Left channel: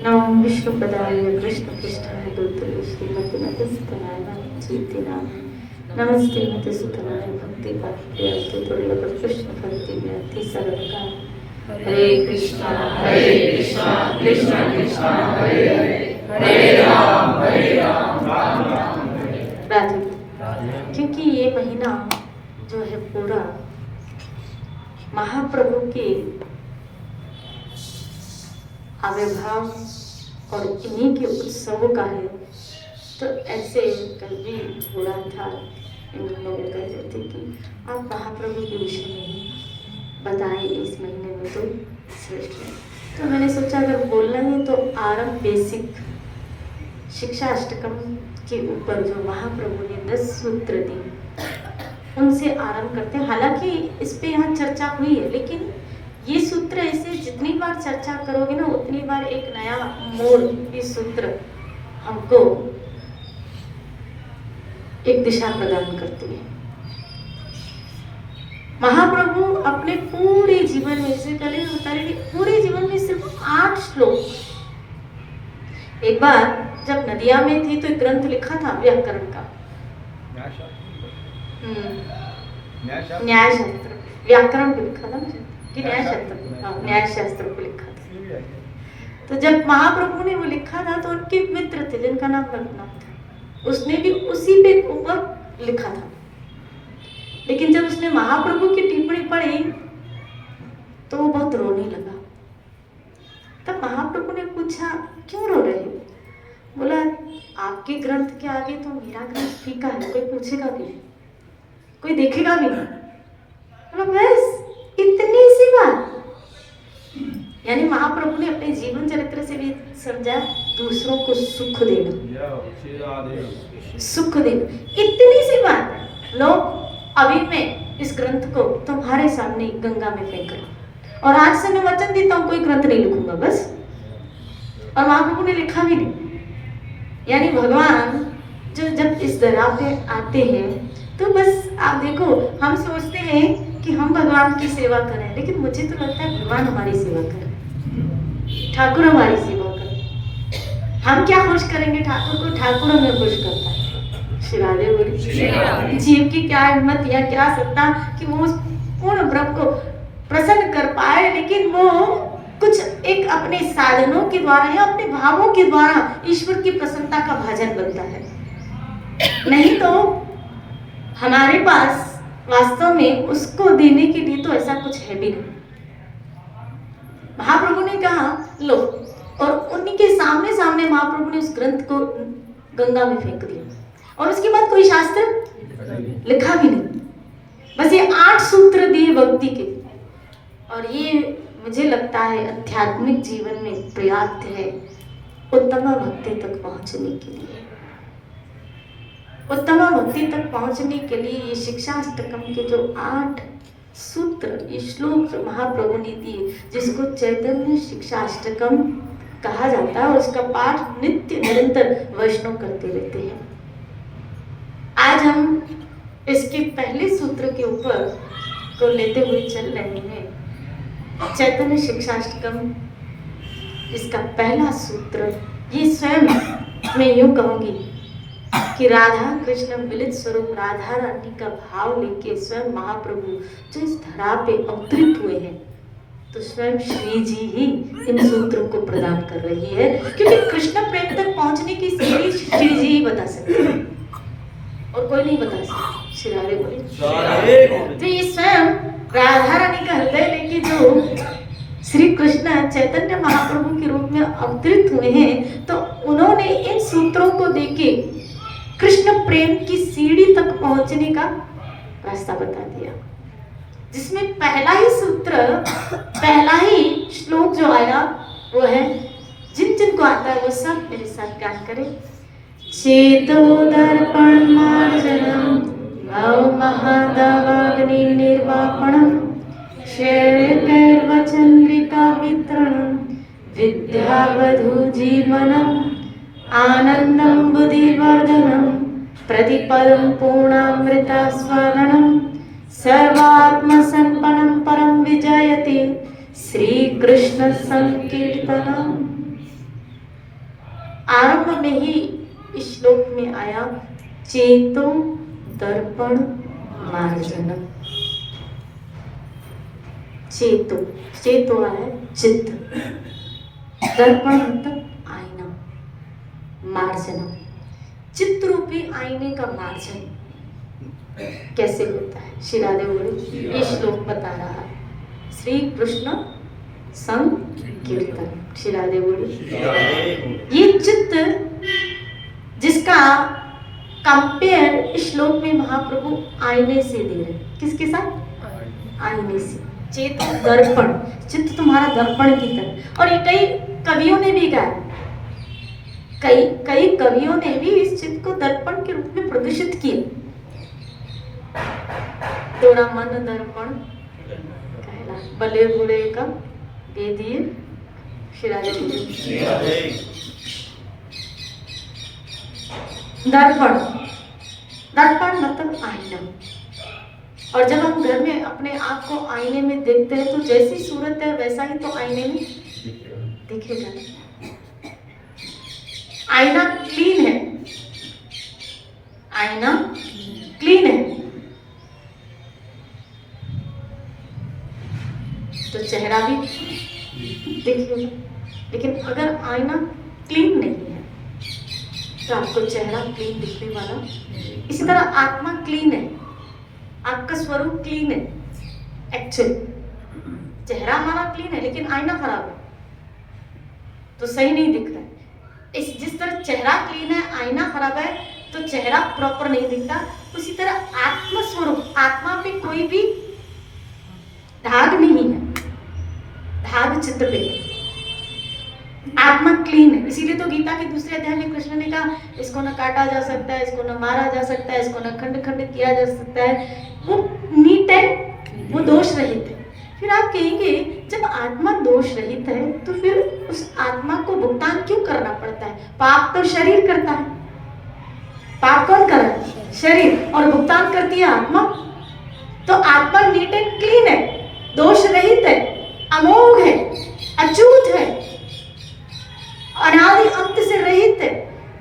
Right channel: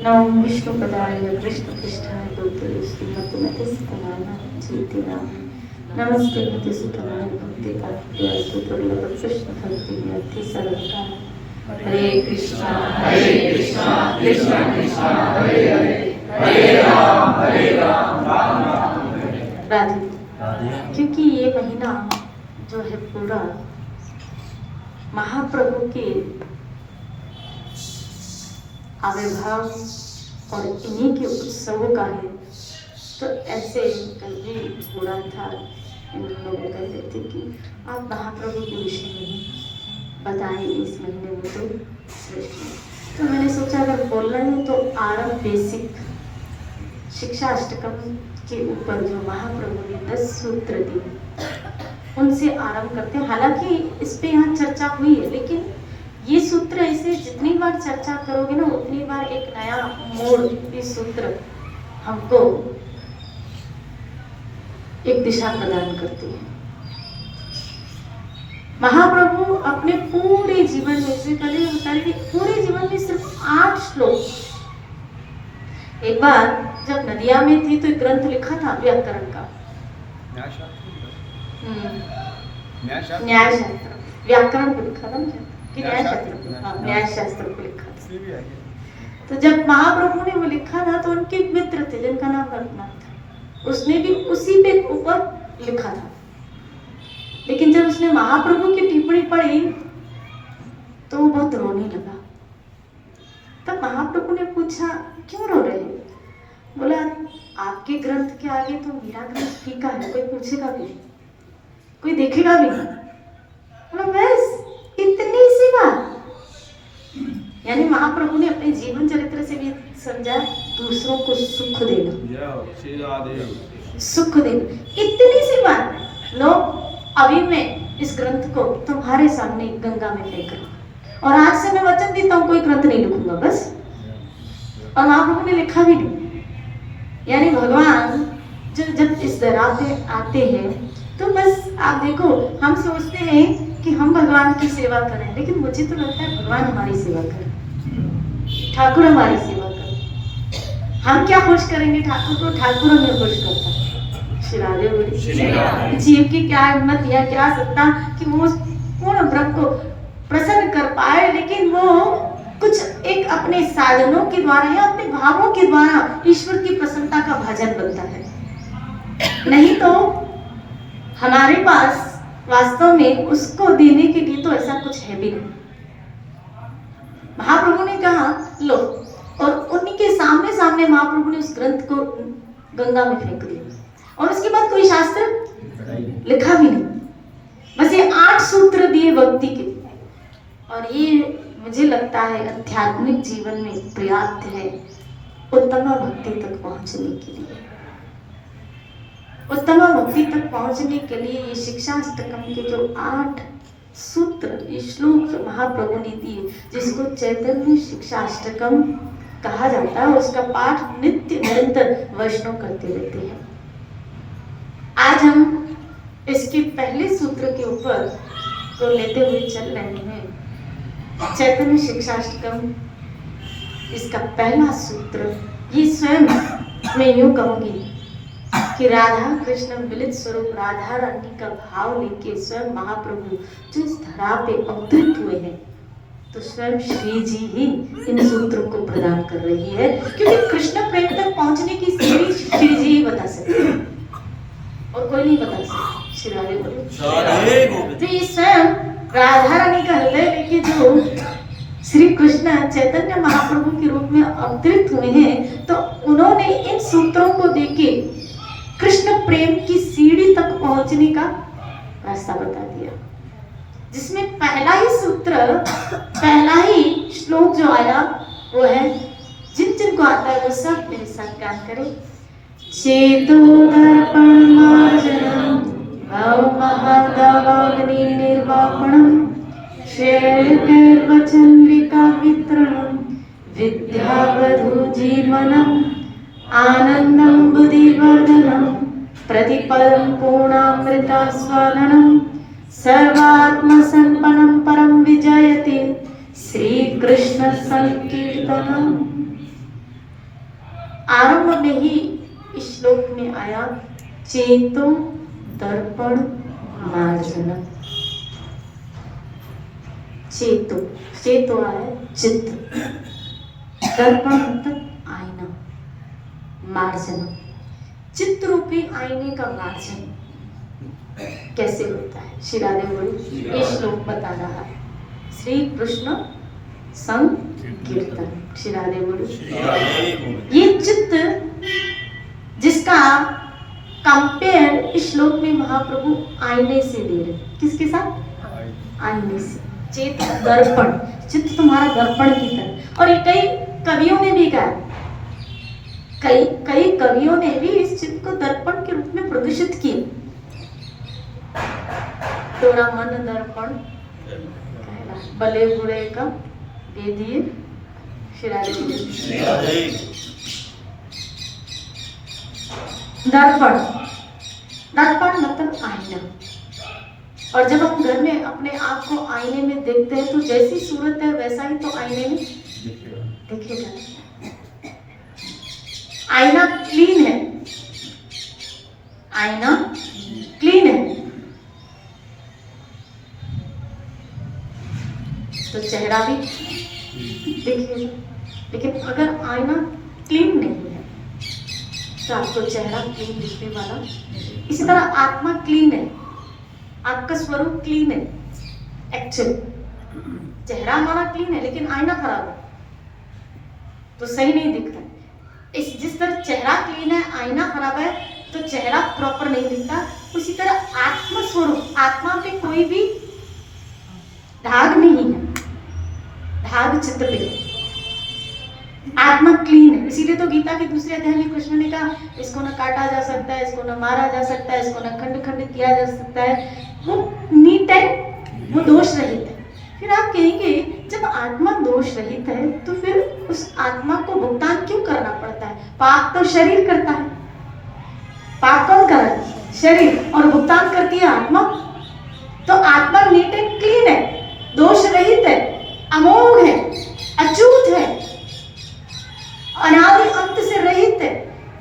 नमो विष्णुपदाय कृष्णपृष्ठाय भूतले श्रीमतिमतस्तनाय चेतिनां नमस्ते मधुसूदनाय भक्तिकार्याय दुर्लभ कृष्ण भक्ति व्याधि सरलता। हरे कृष्णा कृष्णा कृष्णा हरे हरे हरे राम राम राम राधे। क्योंकि ये महीना जो है पूरा महाप्रभु के आविर्भाव और इन्हीं के उत्सवों का है, तो ऐसे कल भी हो रहा था। इन लोग कह रहे थे कि आप महाप्रभु के विषय में बताएं इस महीने में, तो श्रेष्ठ है। तो मैंने सोचा अगर बोलना है तो आरंभ बेसिक शिक्षा अष्टकम के ऊपर जो महाप्रभु ने 10 सूत्र दिए उनसे आरंभ करते हैं। हालांकि इस पे यहाँ चर्चा हुई है, लेकिन ये सूत्र ऐसे जितनी बार चर्चा करोगे ना उतनी बार एक नया मोड़ ये सूत्र हमको एक दिशा प्रदान करती है। महाप्रभु अपने पूरे जीवन में से पहले बता रहे पूरे जीवन में सिर्फ 8 श्लोक। एक बार जब नदिया में थी तो एक ग्रंथ लिखा था व्याकरण का, न्याय शास्त्र, व्याकरण को लिखा था कि न्याय शास्त्र को लिखा था। तो जब महाप्रभु ने वो लिखा था तो उनके मित्र थे जिनका नाम रघुनाथ था, उसने भी उसी पे ऊपर लिखा था। लेकिन जब उसने महाप्रभु की टिप्पणी पढ़ी तो वो बहुत रोने लगा। तब महाप्रभु ने पूछा क्यों रो रहे हो? बोला आपके ग्रंथ के आगे तो मेरा ग्रंथ फीका है, कोई पूछेगा भी नहीं, कोई देखेगा भी नहीं। बोला बस इतनी सी बात। यानी महाप्रभु ने अपने जीवन चरित्र से भी समझा दूसरों को सुख देना, सुख देना इतनी सी बात। लोग अभी मैं इस ग्रंथ को तुम्हारे सामने गंगा में फेंक रहा और आज से मैं वचन देता हूँ कोई ग्रंथ नहीं लिखूंगा बस। और महाप्रभु ने लिखा भी नहीं। यानी भगवान जो जब इस धरा पे आते हैं तो बस आप देखो, हम सोचते हैं कि हम भगवान की सेवा करें, लेकिन मुझे तो लगता है भगवान हमारी सेवा करें, ठाकुर हमारी सेवा करें। हम क्या खुश करेंगे ठाकुर को, ठाकुर हमें खुश करता है। श्री राधे बोली। जीव की क्या हिम्मत या क्या सत्ता कि वो पूर्ण ब्रह्म को प्रसन्न कर पाए, लेकिन वो कुछ एक अपने साधनों के द्वारा या अपने भावों के द्वारा ईश्वर की प्रसन्नता का भाजन बनता है। नहीं तो हमारे पास वास्तव में उसको देने के लिए तो ऐसा कुछ है भी नहीं। महाप्रभु ने कहा लो, और उन्हीं के सामने सामने महाप्रभु ने उस ग्रंथ को गंगा में फेंक दिया और उसके बाद कोई शास्त्र लिखा भी नहीं। बस ये 8 सूत्र दिए भक्ति के, और ये मुझे लगता है आध्यात्मिक जीवन में पर्याप्त है उत्तम भक्ति तक पहुंचने के लिए। उत्तम भक्ति तक पहुंचने के लिए ये शिक्षा अष्टकम के जो 8 सूत्र, ये श्लोक जो महाप्रभु ने दिए, जिसको चैतन्य शिक्षा अष्टकम कहा जाता है, उसका पाठ नित्य निरंतर वैष्णव करते रहते हैं। आज हम इसके पहले सूत्र के ऊपर को लेते हुए चल रहे हैं। चैतन्य शिक्षा अष्टकम इसका पहला सूत्र, ये स्वयं मैं यूं कहूंगी कि राधा कृष्ण मिलित स्वरूप राधा रानी का भाव लेके स्वयं महाप्रभु जो इस धरा पे अवतरित हुए हैं, तो स्वयं श्री जी ही इन सूत्रों को प्रदान कर रही है, क्योंकि कृष्ण प्रेम तक पहुंचने की सीढ़ी श्री जी ही बता सकते हैं और कोई नहीं बता सकता। श्री राधे बोले। तो ये स्वयं राधा रानी का हृदय लेके जो श्री कृष्ण चैतन्य महाप्रभु के रूप में अवतरित हुए हैं, तो उन्होंने इन सूत्रों को देके कृष्ण प्रेम की सीढ़ी तक पहुंचने का रास्ता बता दिया, जिसमें पहला ही सूत्र, पहला ही श्लोक जो आया वो है, जिन जिन को आता है वो सब मेरे साथ गान करें। चेतो दर्पण मार्जनम भव महदवग्नि निर्वापणम श्रेयर्वचंद्रिका वितरणम विद्यावधू जीवनम आनंदं बुद्धिवर्धनं प्रतिपदं पूर्णामृतास्वादनं सर्वात्मसंपन्नं परं विजयते श्री कृष्ण संकीर्तनम्। आरंभ में ही इस श्लोक में आया चेतो दर्पण मार्जनम। चेतो है चित्त, दर्पण मतलब आईना, मार्जन चित्त रूपी आईने का मार्जन कैसे होता है। श्री राधे बोली ये श्लोक बता रहा है श्री कृष्ण संकीर्तन। श्री राधे बोली ये चित्त जिसका कंपेयर इस श्लोक में महाप्रभु आईने से दे रहे। किसके साथ? आईने से। चेत दर्पण, चित्त तुम्हारा दर्पण की तरह। और ये कई कवियों ने भी गाया, कई कवियों ने भी इस चित्त को दर्पण के रूप में प्रदर्शित किया। तोरा मन दर्पण कहला, भले बुरे का दे दिए। दर्पण, दर्पण मतलब आईना। और जब हम घर में अपने आप को आईने में देखते हैं तो जैसी सूरत है वैसा ही तो आईने में दिखेगा। आईना क्लीन है, आईना क्लीन है तो चेहरा भी दिखेगा। लेकिन अगर आईना क्लीन नहीं है तो आपको चेहरा क्लीन दिखने वाला। इसी तरह आत्मा क्लीन है, आपका स्वरूप क्लीन है। एक्चुअली चेहरा हमारा क्लीन है लेकिन आईना खराब है तो सही नहीं दिख रहा है। जिस तरह चेहरा क्लीन है, आईना खराब है तो चेहरा प्रॉपर नहीं दिखता। उसी तरह आत्मा स्वरूप, आत्मा पे कोई भी दाग नहीं है, दाग चित्त पे। आत्मा क्लीन है। इसीलिए तो गीता के दूसरे अध्याय में कृष्ण ने कहा इसको न काटा जा सकता है, इसको न मारा जा सकता है, इसको न खंड खंड किया जा सकता है। वो नीट है, वो दोष रहित है। फिर आप कहेंगे जब आत्मा दोष रहित है तो फिर उस आत्मा को भुगतान क्यों करना पड़ता है? पाप तो शरीर करता है। पाप कौन कर रहा है? शरीर। और भुगतान करती है आत्मा। तो आत्मा नीट एंड क्लीन है, दोष रहित है, अमोघ है, अछूत है, अनादि अंत से रहित है।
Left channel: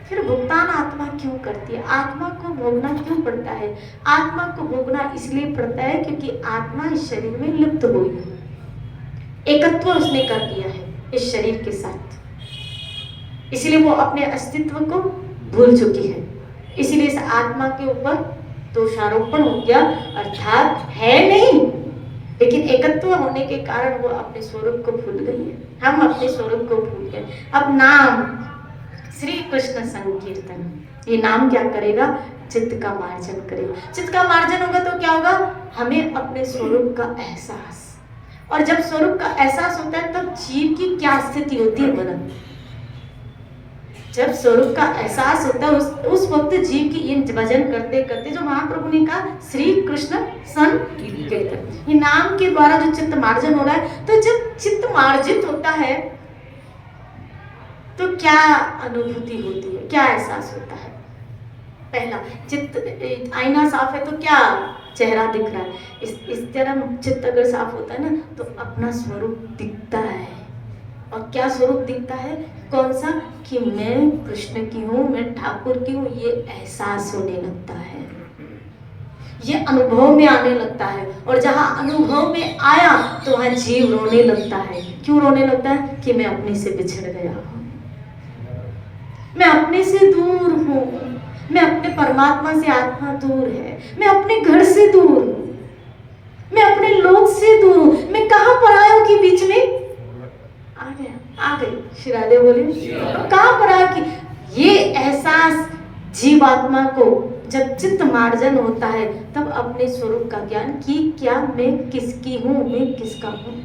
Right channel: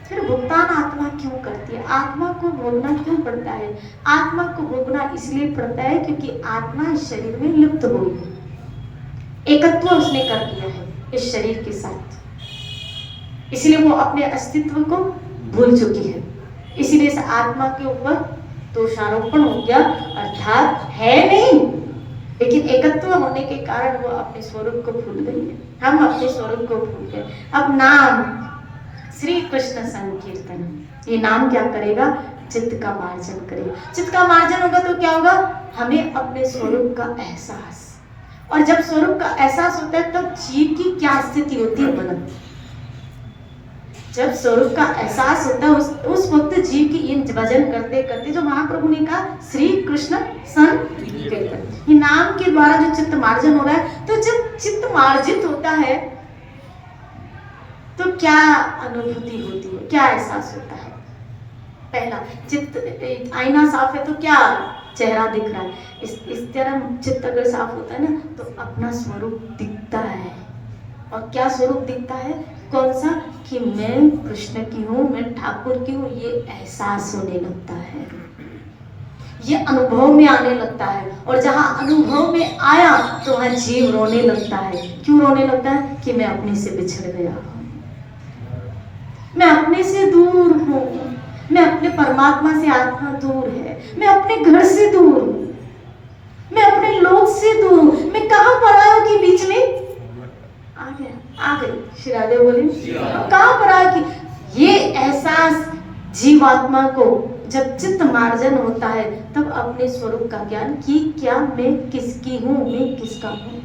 फिर भुगतान आत्मा क्यों करती है? आत्मा को भोगना क्यों पड़ता है? आत्मा को भोगना इसलिए पड़ता है क्योंकि आत्मा इस शरीर में लिप्त हो गई, एकत्व उसने कर दिया है इस शरीर के साथ। इसलिए वो अपने अस्तित्व को भूल चुकी है। इसीलिए इस आत्मा के ऊपर दोषारोपण हो गया, अर्थात है नहीं लेकिन एकत्व होने के कारण वो अपने स्वरूप को भूल गई है। हम अपने स्वरूप को भूल गए। अब नाम श्री कृष्ण संकीर्तन, ये नाम क्या करेगा? चित्त का मार्जन करेगा। चित्त का मार्जन होगा तो क्या होगा? हमें अपने स्वरूप का एहसास। और जब स्वरूप का एहसास होता है तब जीव की क्या स्थिति होती है बोला? जब स्वरूप का एहसास होता है उस वक्त जीव की इन भजन करते करते जो महाप्रभु ने कहा श्री कृष्ण संकीर्तन, ये नाम के द्वारा जो चित्त मार्जन हो रहा है। तो जब चित्त मार्जित होता है तो क्या अनुभूति होती है, क्या एहसास होता है? पहला, चित्त आईना साफ है तो क्या चेहरा दिख रहा है। इस तरह चित्त अगर साफ होता है ना तो अपना स्वरूप दिखता है। और क्या स्वरूप दिखता है? कौन सा? कि मैं कृष्ण की हूँ, मैं ठाकुर की हूँ, ये एहसास होने लगता है, ये अनुभव में आने लगता है। और जहाँ अनुभव में आया तो वहाँ जीव रोने लगता है। क्यों रोने लगता है? कि मैं अपने से बिछड़ गया हूँ, मैं अपने से दूर हूँ, मैं अपने परमात्मा से आत्मा दूर है, मैं अपने घर से दूर हूँ, मैं अपने लोग से दूर हूँ। मैं कहाँ पर आया कि बीच में आ गई। श्री राधे बोले कहाँ पर आया कि ये एहसास जीवात्मा को जब चित्त मार्जन होता है तब अपने स्वरूप का ज्ञान कि क्या मैं किसकी हूँ, मैं किसका हूँ।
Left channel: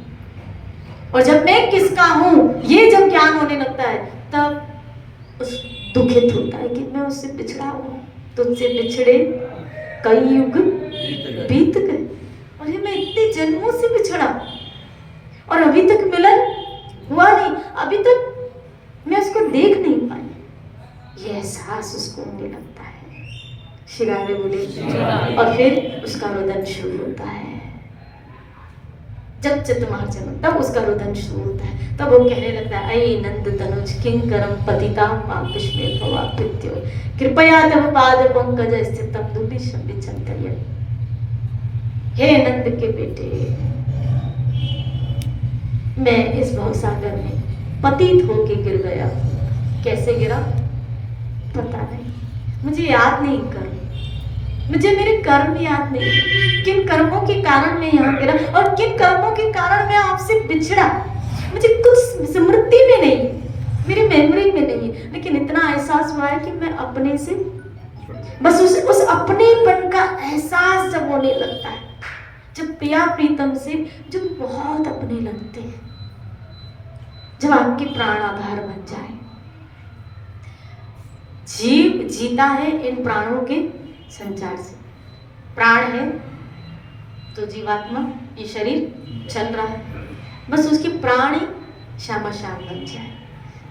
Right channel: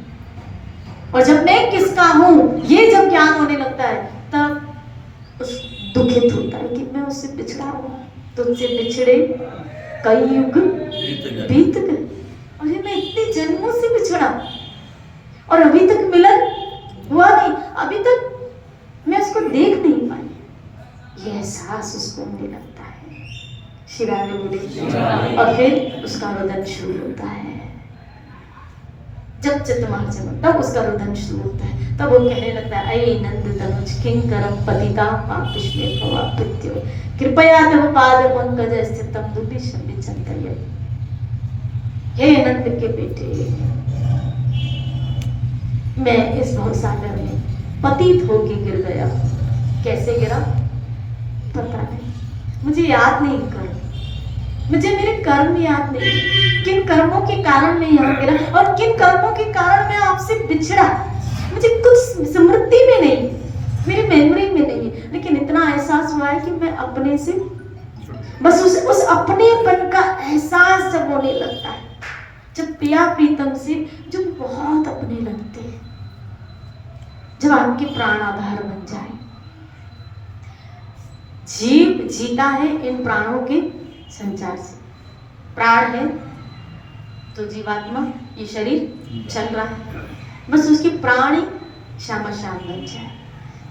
और जब मैं किसका हूँ ये जब ज्ञान होने लगता है तब उस दुखित होता है कि मैं उससे बिछड़ा हूँ, तुझसे बिछड़े कई युग बीत गए और ये मैं इतने जन्मों से बिछड़ा और अभी तक मिलन हुआ नहीं, अभी तक मैं उसको देख नहीं पाई। ये एहसास उसको होने लगता है। श्री राधे बोले और फिर उसका रोदन शुरू होता है। जब चित्त मार्जन तब उसका रुदन शुरू होता है। तब वो कहने लगता है, अये नंद तनुज किंकरम पतिता पापिष्मे भवाप्यत्यो कृपया तव पाद पंकज स्थितम दुर्भिक्षं विचिन्तय। हे नंद के बेटे, मैं इस भवसागर में पतित होके गिर गया। कैसे गिरा पता नहीं, मुझे याद नहीं कर, मुझे मेरे कर्म याद नहीं, किन कर्मों के कारण मैं यहाँ गिरा और किन कर्मों के कारण मैं आपसे बिछड़ा। मुझे कुछ स्मृति में नहीं, मेरी मेमोरी में नहीं, लेकिन इतना एहसास हुआ है कि मैं अपने से बस उस अपनेपन का एहसास जब होने लगता है, जब प्रिया प्रीतम से जो बहुत अपने लगते हैं, जब आपके प्राण आधार बन जाए। जीव जीता है इन प्राणों के संचार से। प्राण है तो जीवात्मा, ये शरीर चल रहा है, बस उसकी प्राण ही श्यामा श्याम बन जाए।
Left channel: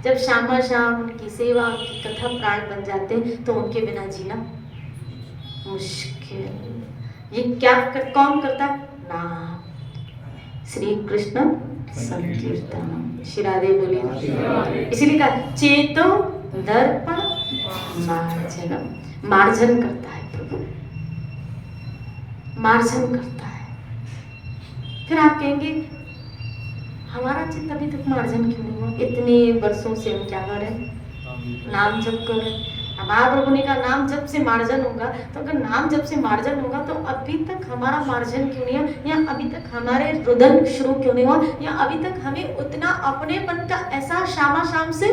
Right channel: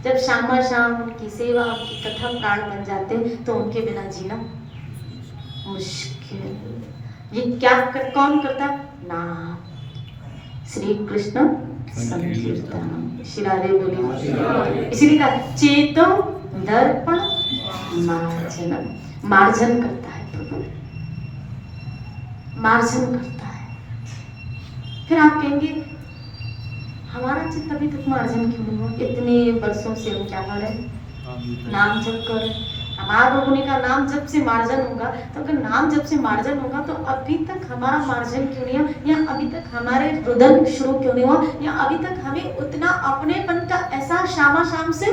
जब श्यामा श्याम उनकी सेवा उनकी कथा प्राण बन जाते हैं तो उनके बिना जीना मुश्किल। ये क्या कौन करता है? नाम, श्री कृष्ण संकीर्तन। श्री राधे बोली। इसीलिए कहा चेतो दर्पण मार्जनम, मार्जन करता है प्रभु, मार्जन करता है। फिर आप कहेंगे हमारा चित्त अभी तक मार्जन क्यों नहीं हुआ? इतने वर्षों से हम क्या कर रहे हैं? नाम जप कर रहे हैं। महाप्रभु ने कहा नाम जप से मार्जन होगा, तो अगर नाम जप से मार्जन होगा तो अभी तक हमारा मार्जन क्यों नहीं हुआ, या अभी तक हमारे रुदन शुरू क्यों नहीं हुआ, या अभी तक हमें उतना अपनेपन का एहसास श्यामा श्याम से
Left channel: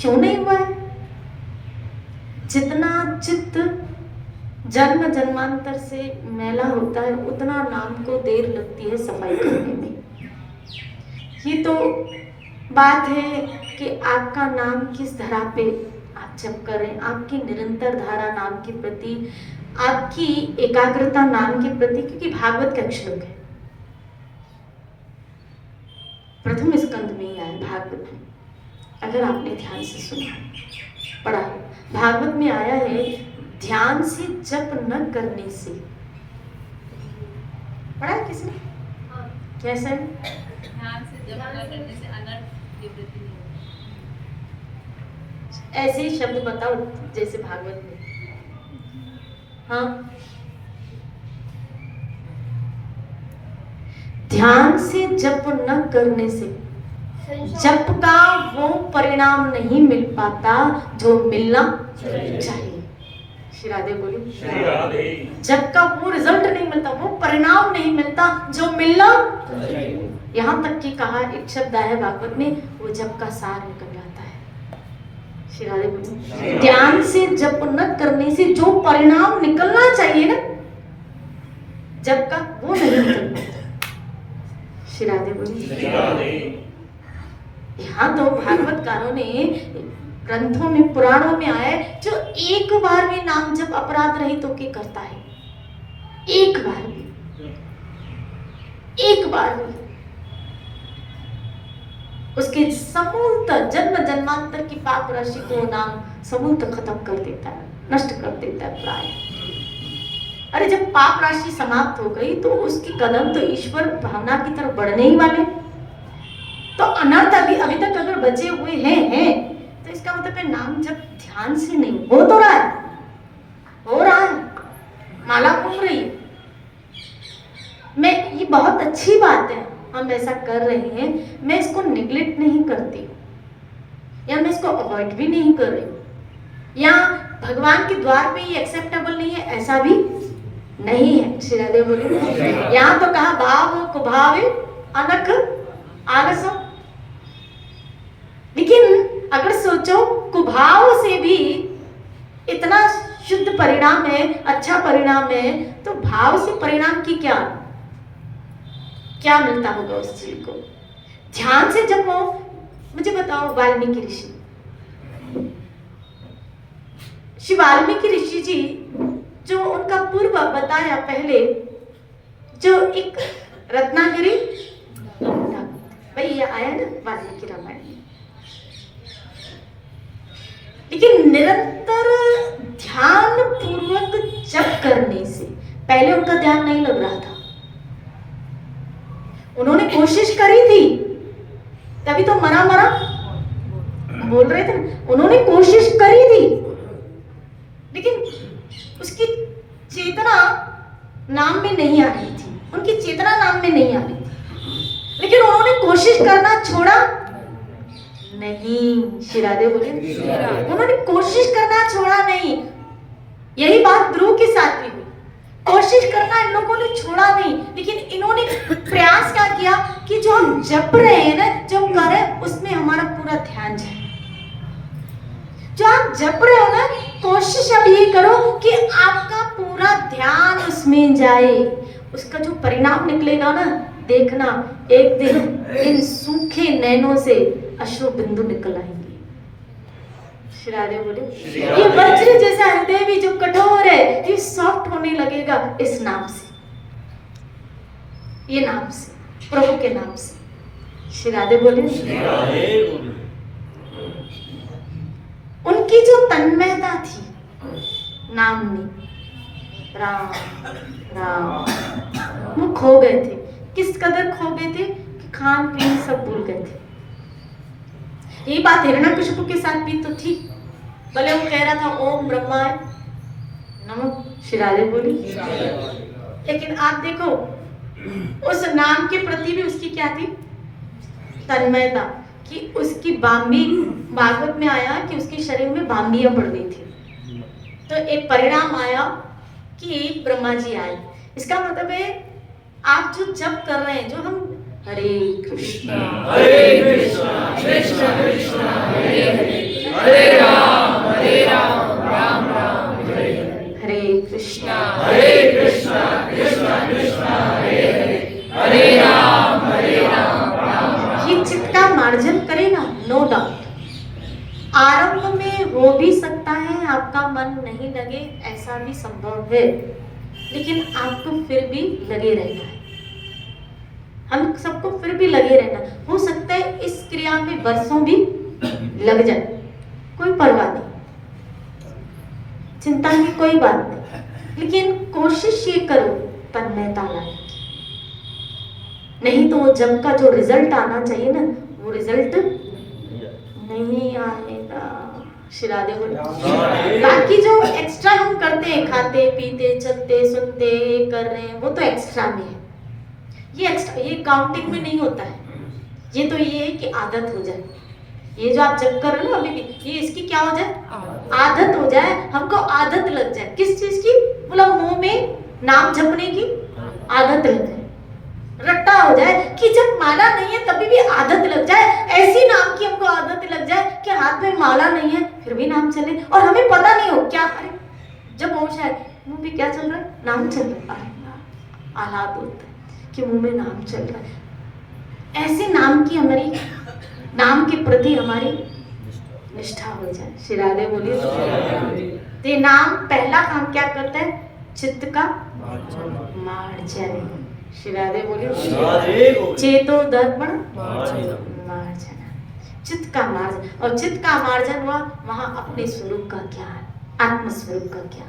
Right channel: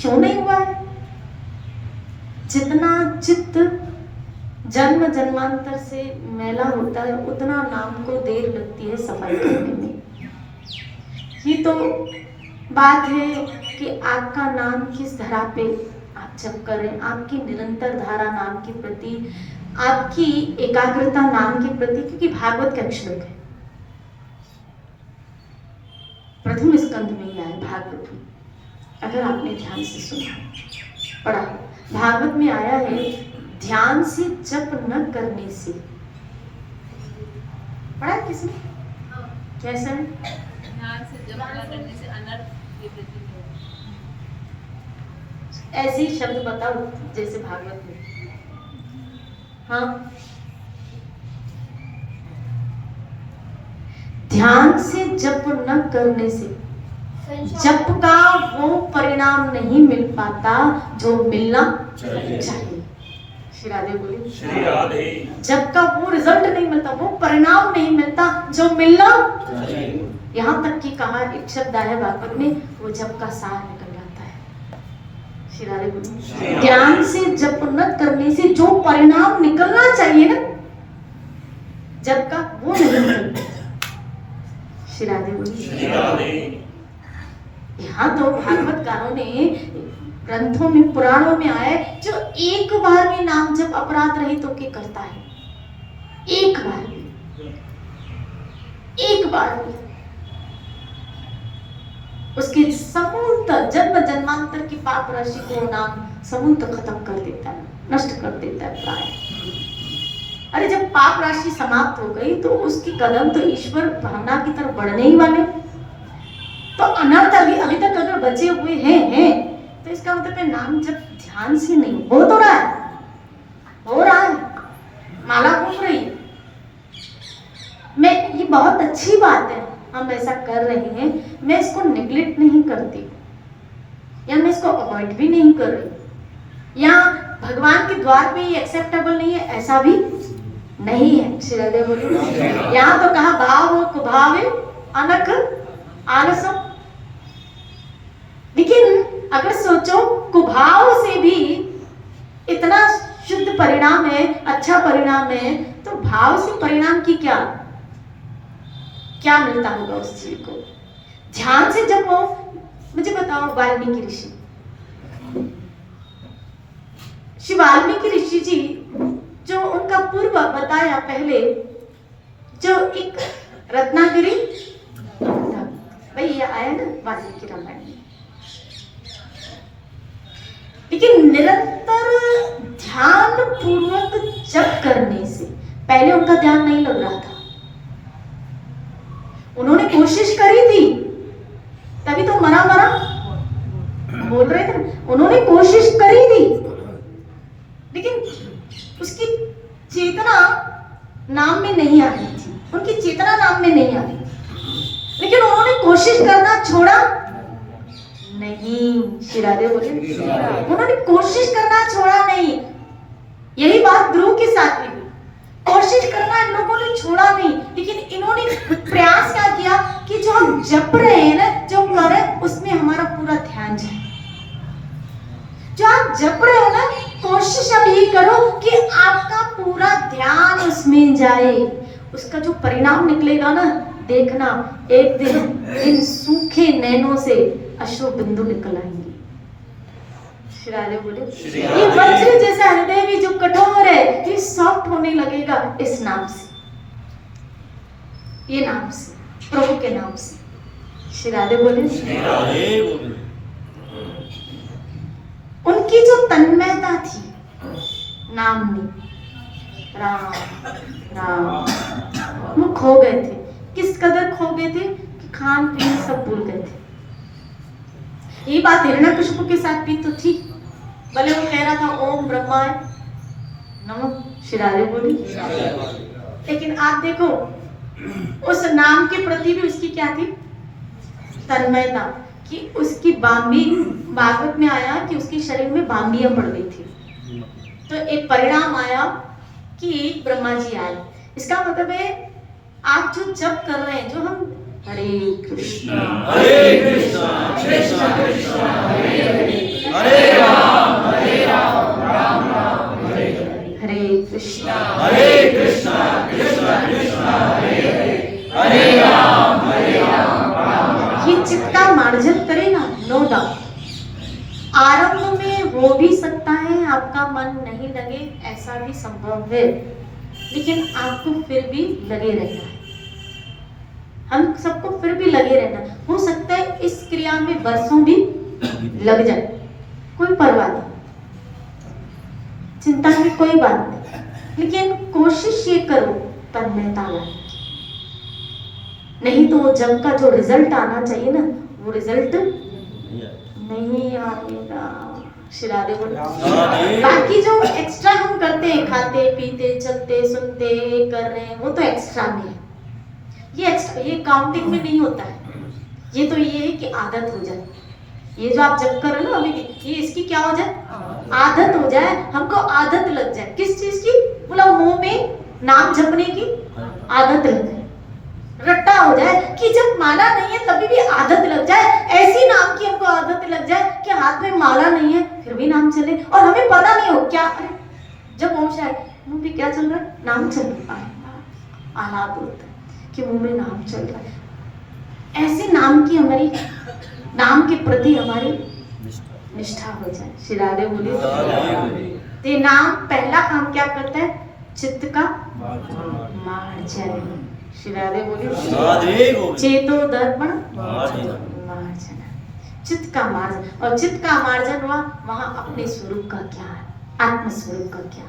क्यों नहीं हुआ है? जितना चित्त जन्म जन्मांतर से मैला होता है उतना नाम को देर लगती है सफाई करने में। ये तो बात है कि आपका नाम किस धरा पे आप जप करें, आपकी निरंतर धारा नाम के प्रति, आपकी एकाग्रता नाम के प्रति, क्योंकि भागवत का श्लोक है, प्रथम स्कंद में ही आया भागवत में, अगर आपने ध्यान से सुना पढ़ा, भागवत में आया है ध्यान से जप न करने से। पढ़ा है किसने? कैसा है? ध्यान से जप न करने से अनर्थ की वृद्धि होगी। ऐसे ही शब्द बताओ जैसे भागवत में। हाँ, ध्यान से जप न करने से जप का वो परिणाम नहीं मिल पाता जो मिलना चाहिए। श्री राधे बोली। श्री राधे। जप का वो रिजल्ट नहीं मिलता, वो परिणाम नहीं मिलता जो मिलना चाहिए। यहाँ तक कि कहा एक शब्द है भागवत में, वो जप का सार निकल जाता है। श्री राधे बोली। ज्ञान से जप न करने से जो परिणाम निकलना चाहिए ना जप का, वो नहीं निकलता। श्री राधे बोली। यहाँ तो भागवतकारों ने ग्रंथों में पुराणों में आए, जो एक बार भी नाम जप अपराध रहित होके करता है, एक बार भी, एक बार भी, उसके समूलतः जन्म जन्मांतर की पाप राशि को नाम समूलतः खत्म कर देता है, नष्ट कर देता है प्राय। अरे जब पाप राशि समाप्त हो गई तो उसकी कदम तो ईश्वर भावना की तरफ बढ़ने ही वाले। तो अनर्थ अभी तक अगर बचे हुए हैं तो इसका मतलब है नाम जब ध्यान से नहीं हो तो रहा है, हो रहा है, माला घूम रही है। मैं ये बहुत अच्छी बात है, हम ऐसा कर रहे हैं, मैं इसको निग्लेक्ट नहीं करती या मैं इसको अवॉइड भी नहीं कर रही, या भगवान के द्वार पे ये एक्सेप्टेबल नहीं है ऐसा भी नहीं है। श्री राधे बोली। यहाँ तो कहा भाव कुभाव अनख आलसम, लेकिन अगर सोचो कुभाव से भी इतना शुद्ध परिणाम है, अच्छा परिणाम है, तो भाव से परिणाम की क्या मिलता होगा उस जीव को? ध्यान से जब हो, मुझे बताओ वाल्मीकि ऋषि, श्री वाल्मीकि ऋषि जी जो उनका पूर्व बताया पहले, जो एक रत्नागिरी भाई ये आया ना वाल्मीकि रामायण, लेकिन निरंतर ध्यान पूर्वक जप करने से पहले उनका ध्यान नहीं लग रहा था। कोशिश करी थी, तभी तो मरा मरा बोल रहे थे। उन्होंने कोशिश करी थी, लेकिन उसकी चेतना नाम में नहीं आ रही थी, उनकी चेतना नाम में नहीं आ रही थी, लेकिन उन्होंने कोशिश करना छोड़ा नहीं। श्री राधे बोले, उन्होंने कोशिश करना छोड़ा नहीं। यही बात ध्रुव के साथ भी हुई, कोशिश करना इन लोगों ने छोड़ा नहीं, लेकिन इन्होंने प्रयास क्या किया कि जो हम जप रहे हैं ना, जो कर रहे हैं, उसमें हमारा पूरा ध्यान जाए। जो आप जप रहे हो ना, कोशिश अब ये करो कि आपका पूरा ध्यान उसमें जाए। उसका जो परिणाम निकलेगा ना, देखना एक दिन इन सूखे नैनों से अश्रु बिंदु निकल आएंगे। श्री राधे बोले, ये वज्र जैसा हृदय भी जो कठोर है, ये सॉफ्ट होने लगेगा इस नाम से, ये नाम से, प्रभु के नाम से। श्री राधे बोले, उनकी जो तन्मयता थी नाम में, राम राम, वो खो गए थे। किस कदर खो गए थे कि खान पीन सब भूल गए थे। ये बात हिरण्यकशिपु के साथ भी तो थी। भले वो कह रहा था ओम ब्रह्माय नमः, श्री राधे बोली, लेकिन आप देखो उस नाम के प्रति भी उसकी क्या थी, तन्मयता, कि उसकी बांबी, भागवत में आया कि उसके शरीर में बांबियां पड़ गई थी। तो एक परिणाम आया कि एक ब्रह्मा जी आए। इसका मतलब है आप जो जप कर रहे हैं, जो हम हरे कृष्णा कृष्णा कृष्णा हरे हरे, हरे राम राम राम हरे हरे, कृष्णा कृष्णा कृष्णा हरे हरे, हरे राम राम। ये चित्त का मार्जन करेगा, नो डाउट। आरंभ में हो भी सकता है आपका मन नहीं लगे, ऐसा भी संभव है, लेकिन आपको फिर भी लगे रहना है। हम सबको फिर भी लगे रहना। हो सकता है इस क्रिया में वर्षों भी लग जाए, कोई परवाह नहीं, चिंता की कोई बात नहीं, लेकिन कोशिश ये करो तन्मयता लाने की। नहीं तो जब का जो रिजल्ट आना चाहिए ना, वो रिजल्ट नहीं आएगा। श्री राधे बोले, बाकी जो एक्स्ट्रा हम करते हैं, खाते पीते चलते सुनते कर रहे हैं, वो तो एक्स्ट्रा में है। ये एक्स्ट्रा, ये काउंटिंग में नहीं होता है। ये तो ये है कि आदत हो जाए। ये जो आप जब कर रहे हो ना अभी, ये इसकी क्या हो जाए, आदत हो जाए, हमको आदत लग जाए। किस चीज की, बोला मुंह में नाम जपने की आदत लग जाए, रट्टा हो जाए कि जब माला नहीं है तभी भी आदत लग जाए। ऐसी नाम की हमको आदत लग जाए कि हाथ में माला नहीं है फिर भी नाम चले, और हमें पता नहीं हो क्या। अरे जब होश है मुंह में क्या चल रहा है, नाम चल रहा है। आह्लाद होता है कि मुंह में नाम चल रहा है। ऐसे नाम की हमारी, नाम के प्रति हमारी निष्ठा हो जाए। श्री राधे बोलिए। तो नाम पहला काम क्या करता है, चित्त का मार्जन। श्री राधे बोलिए। चेतो दर्पण मार्जन, चित्त का मार्जन। और चित्त का मार्जन हुआ वहां अपने स्वरूप का ज्ञान, आत्म स्वरूप का ज्ञान।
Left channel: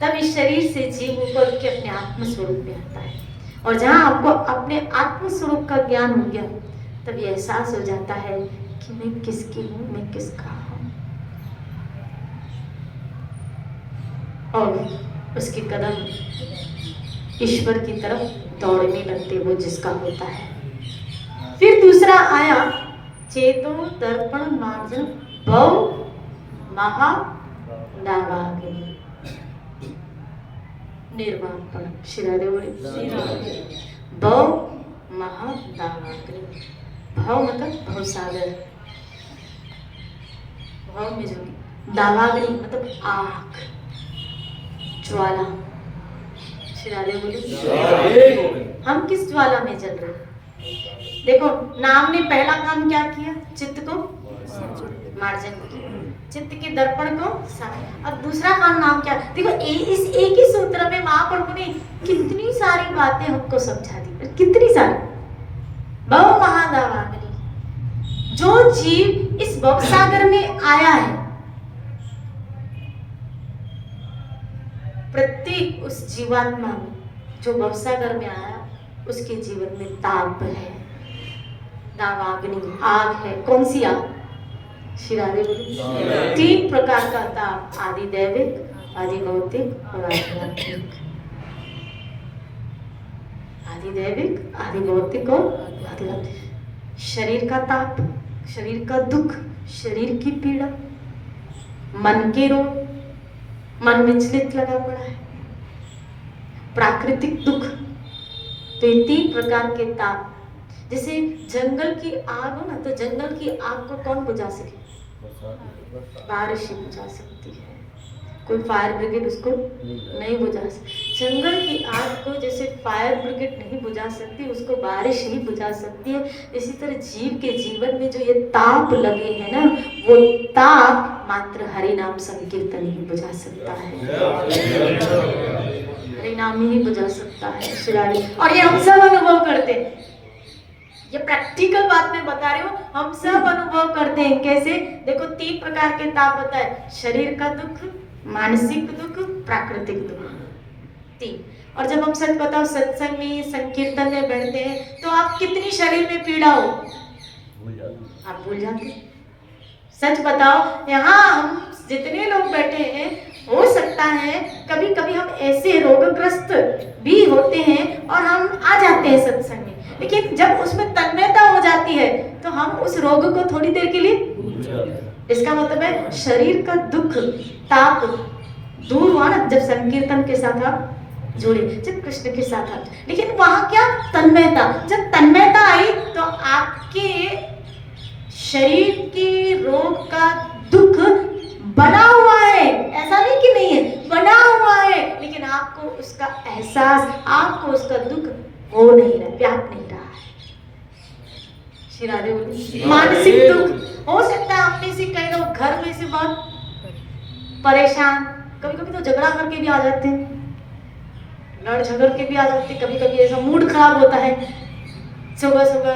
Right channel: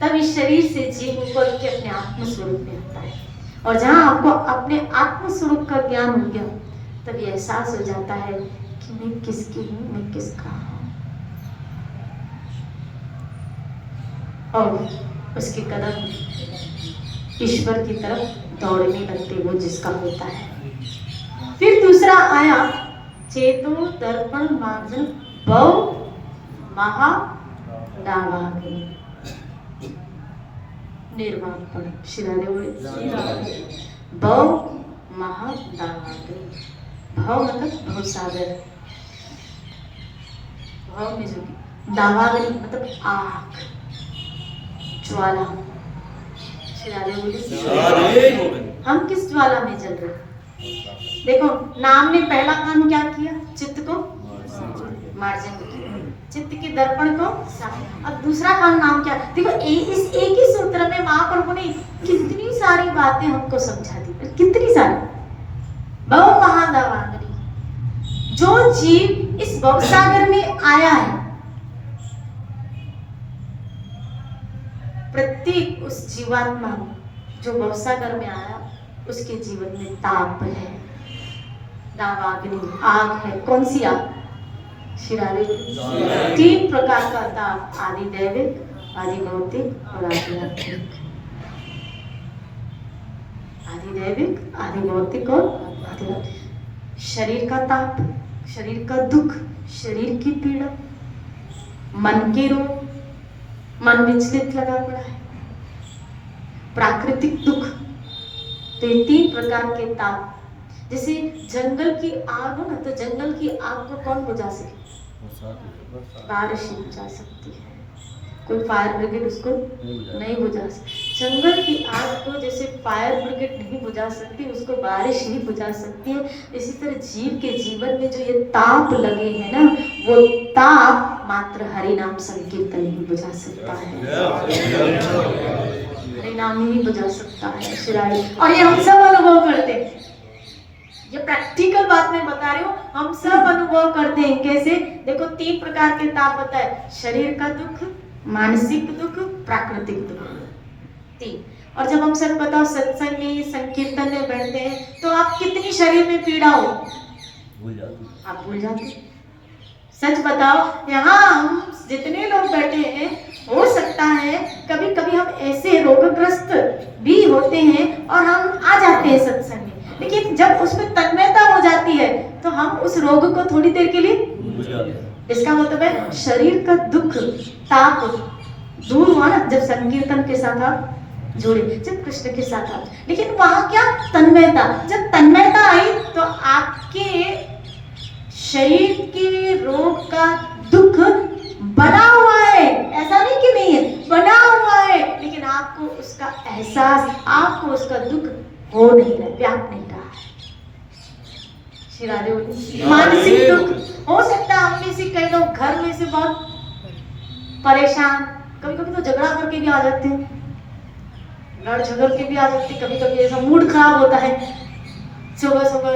तब इस शरीर से जीव ऊपर के अपने आत्म स्वरूप में आता है। और जहां आपको अपने आत्म स्वरूप का ज्ञान हो गया, तब ये एहसास हो जाता है कि मैं किसकी हूँ, मैं किसका हूँ। और उसके कदम ईश्वर की तरफ दौड़ने लगते, वो जिसका होता है। फिर दूसरा आया चेतो दर्पण मार्जन भव महा दावाग्नि निर्वापण। श्री राधे बोले। भव महा दावाग्नि, भव मतलब भवसागर, भव में जो दावाग्नि मतलब आग, ज्वाला। श्री राधे बोले। हम किस ज्वाला में चल रहे हैं? देखो नाम ने पहला काम क्या किया, चित्त को मार्जन किया, चित्त के दर्पण को साफ। अब दूसरा काम नाम क्या, देखो इस एक ही सूत्र में महाप्रभु ने कितनी सारी बातें हमको समझा दी, कितनी सारी। भव महादावाग्नि, जो जीव इस भवसागर में आया है, प्रत्येक उस जीवात्मा जो भवसागर में आया, उसके जीवन में ताप है, दावाग्नि, आग है। कौन सी आग? शिरारे। तीन प्रकार का ताप, आदि दैविक, आदि भौतिक और आदि आत्मिक। आदि दैविक, आदि भौतिक और आदि आत्मिक। शरीर का ताप, शरीर का दुख, शरीर की पीड़ा, मन के रोग, मन विचलित लगा पड़ा है, प्राकृतिक दुख। तो ये तीन प्रकार के ताप। जैसे जंगल की आग हो ना, तो जंगल की आग को कौन बुझा सके? बारिश ही बुझा सकती है, कोई फायर ब्रिगेड उसको नहीं बुझा सकती। जंगल की आग को जैसे फायर ब्रिगेड नहीं बुझा सकती, उसको बारिश ही बुझा सकती है। इसी तरह जीव के जीवन में जो ये ताप लगे हैं ना, वो ताप मात्र हरि नाम संकीर्तन ही बुझा सकता है, हरि नाम ही बुझा सकता है शिराड़ी। और ये हम सब अनुभव करते हैं, ये प्रैक्टिकल बात मैं बता रही हूँ, हम सब अनुभव करते हैं। कैसे? देखो, तीन प्रकार के ताप होता है, शरीर का दुख, मानसिक दुख, प्राकृतिक दुख, तीन। और जब हम सच बताओ सत्संग में, संकीर्तन में बैठते हैं, तो आप कितनी शरीर में पीड़ा हो आप भूल जाते हैं। सच बताओ, यहाँ हम जितने लोग बैठे हैं, हो सकता है कभी कभी हम ऐसे रोगग्रस्त भी होते हैं और हम आ जाते हैं सत्संग में, लेकिन जब उसमें तन्मयता हो जाती है तो हम उस रोग को थोड़ी देर के लिए, इसका मतलब है शरीर का दुख, ताप दूर हुआ ना जब संकीर्तन के साथ आप जुड़े, जब कृष्ण के साथ आप। लेकिन वहां क्या? तन्मयता। जब तन्मयता आई तो आपके शरीर के रोग का दुख बना हुआ है, ऐसा नहीं कि नहीं है, बना हुआ है, लेकिन आपको उसका एहसास, आपको उसका दुख हो नहीं रहा, व्याप नहीं रहा है। श्री राधे बोली। मानसिक दुख हो सकता है, हमने से कई लोग घर में से बहुत परेशान, कभी कभी तो झगड़ा करके भी आ जाते हैं, लड़ झगड़ के भी आ जाते हैं, कभी कभी ऐसा मूड खराब होता है, सुबह सुबह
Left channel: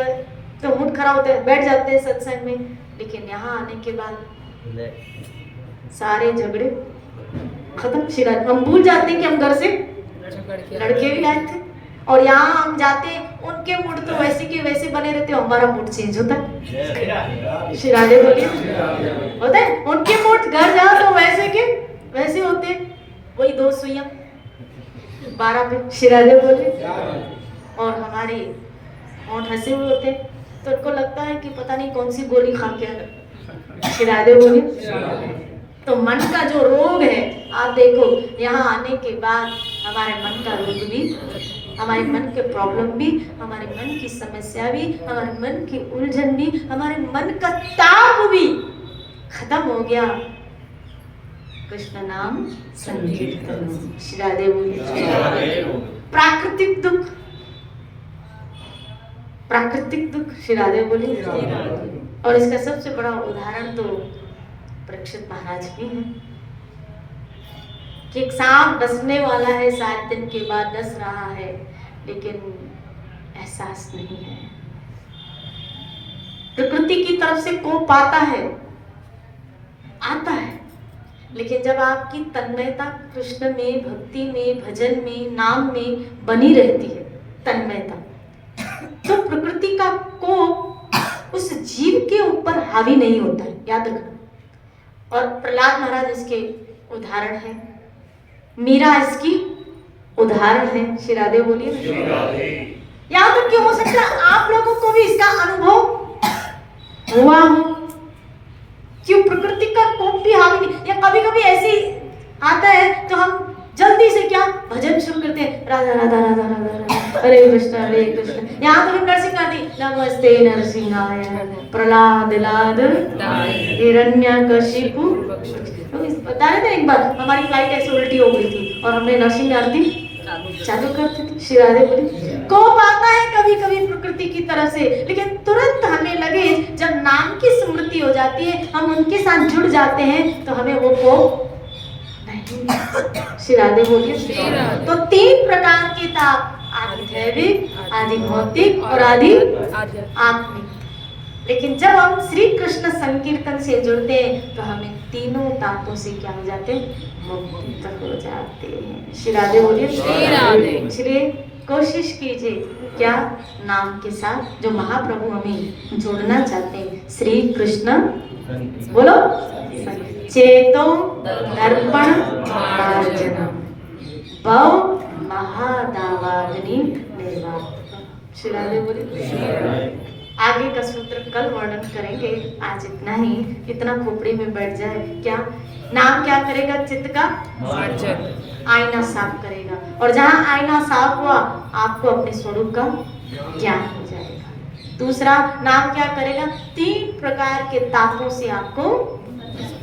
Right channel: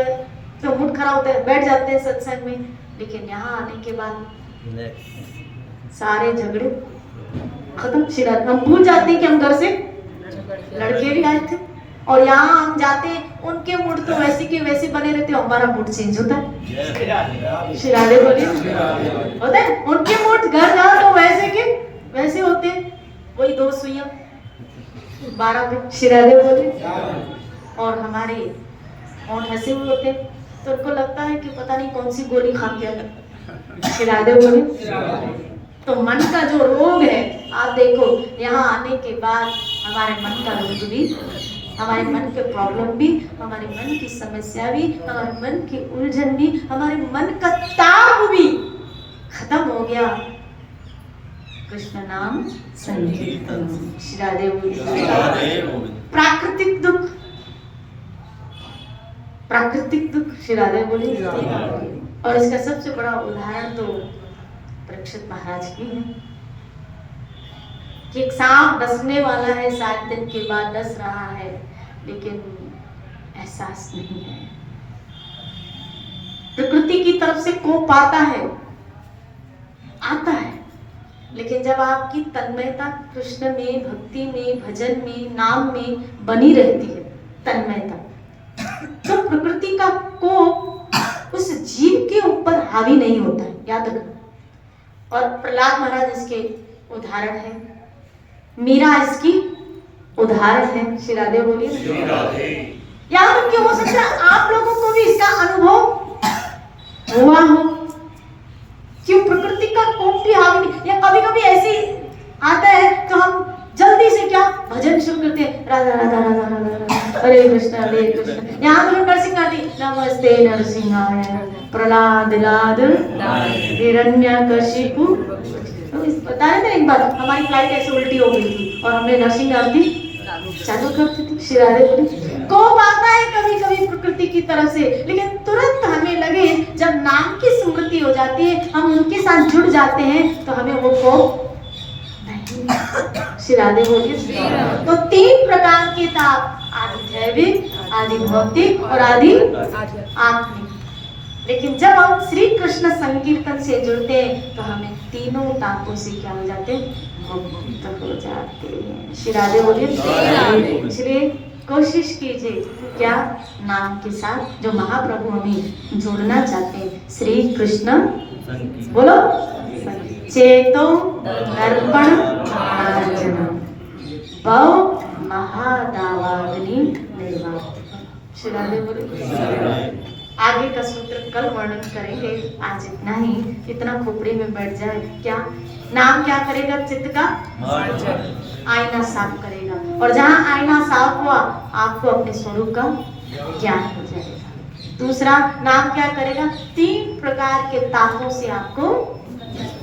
तो मूड खराब होता है, बैठ जाते हैं सत्संग में, लेकिन यहाँ आने के बाद सारे झगड़े खत्म। शिराज हम भूल जाते हैं कि हम घर से लड़के भी आए थे, और यहाँ हम जाते हैं, उनके मूड तो वैसे के वैसे बने रहते, हमारा मूड चेंज होता है। शिराजे बोलिए, होता है उनके मूड घर जाओ तो वैसे के वैसे होते, वही 2 सुइयां 12 पे। शिराजे बोलिए। और हमारे होंठ हंसे हुए होते, तो उनको लगता है कि पता नहीं कौन सी गोली खा के। शिराजे बोलिए। तो मन का जो रोग है, आप देखो यहाँ आने के बाद हमारे मन का रोग भी, हमारे मन के प्रॉब्लम भी, हमारे मन की समस्या भी, हमारे मन की उलझन भी, हमारे मन का ताप भी खत्म हो गया। कृष्ण नाम संकीर्तन। श्री राधे बोलिए। प्राकृतिक दुख, प्राकृतिक दुख, श्री राधे बोलिए। और इसका सबसे बड़ा उदाहरण तो परीक्षित महाराज की है कि एक सांप डसने वाला है, 7 दिन के बाद डस रहा है, लेकिन एहसास नहीं है। प्रकृति की तरफ से कोप आता है, लेकिन जब आपकी तन्मयता कृष्ण में, भक्ति में, भजन में, नाम में बनी रहती है, तन्मयता, तो प्रकृति का कोप उस जीव के ऊपर हावी नहीं होता है, याद रखना। और प्रहलाद महाराज इसके उदाहरण है, मीरा इसकी उदाहरण है। श्री राधे बोलिए। यहाँ तक क्यों हो सकता है आप लोगों को भी इसका अनुभव हुआ हो, क्यों प्रकृति का कोप भी हावी नहीं, या कभी कभी ऐसी आता है तो हम जल्दी से क्या भजन शुरू करते हैं, राधा राधा राधा राधा हरे कृष्ण। यहाँ तो नरसिंह गाती, नमस्ते नरसिंहाय प्रहलाद लाद हिरण्यकशिपु। बता रहे थे एक बार हमारी फ्लाइट ऐसे उल्टी हो गई थी और हमने नरसिंह आरती चालू करती थी। श्री राधे बोली। कोप आता है कभी कभी प्रकृति की तरफ से, लेकिन तुरंत हमें लगे जब नाम की स्मृति हो जाती है, हम उनके साथ जुड़ जाते हैं, तो हमें वो कोप नहीं। श्री राधे बोलिए। तो 3 प्रकार के ताप, आदि दैविक, आदि भौतिक और आदि आत्मिक। लेकिन जब हम श्री कृष्ण संकीर्तन से जुड़ते हैं तो हमें तीनों तापों से क्या हो जाते हैं, मुक्त हो जाते हैं। श्री राधे बोलिए। श्री कोशिश कीजिए क्या नाम के साथ जो महाप्रभु हमें जोड़ना चाहते हैं, श्री कृष्ण बोलो, चेतो दर्पण मार्जनम भव महादावाग्नि निर्वापकम। श्री राधे बोले। आगे का सूत्र कल वर्णन करेंगे, आज इतना ही। इतना खोपड़ी में बैठ जाए क्या। नाम क्या करेगा? चित्त का आईना साफ करेगा, और जहाँ आईना साफ हुआ आपको अपने स्वरूप का ज्ञान हो जाएगा। दूसरा नाम क्या करेगा? 3 प्रकार के तापों से आपको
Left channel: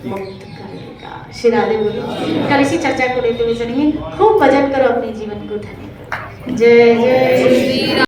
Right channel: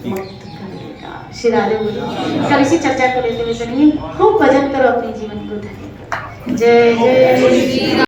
मुक्त करेगा। श्री राधे बोलिए। कल इसी चर्चा को लेते हुए चलेंगे। खूब भजन करो, अपने जीवन को धन्य करो। जय जय श्री राम।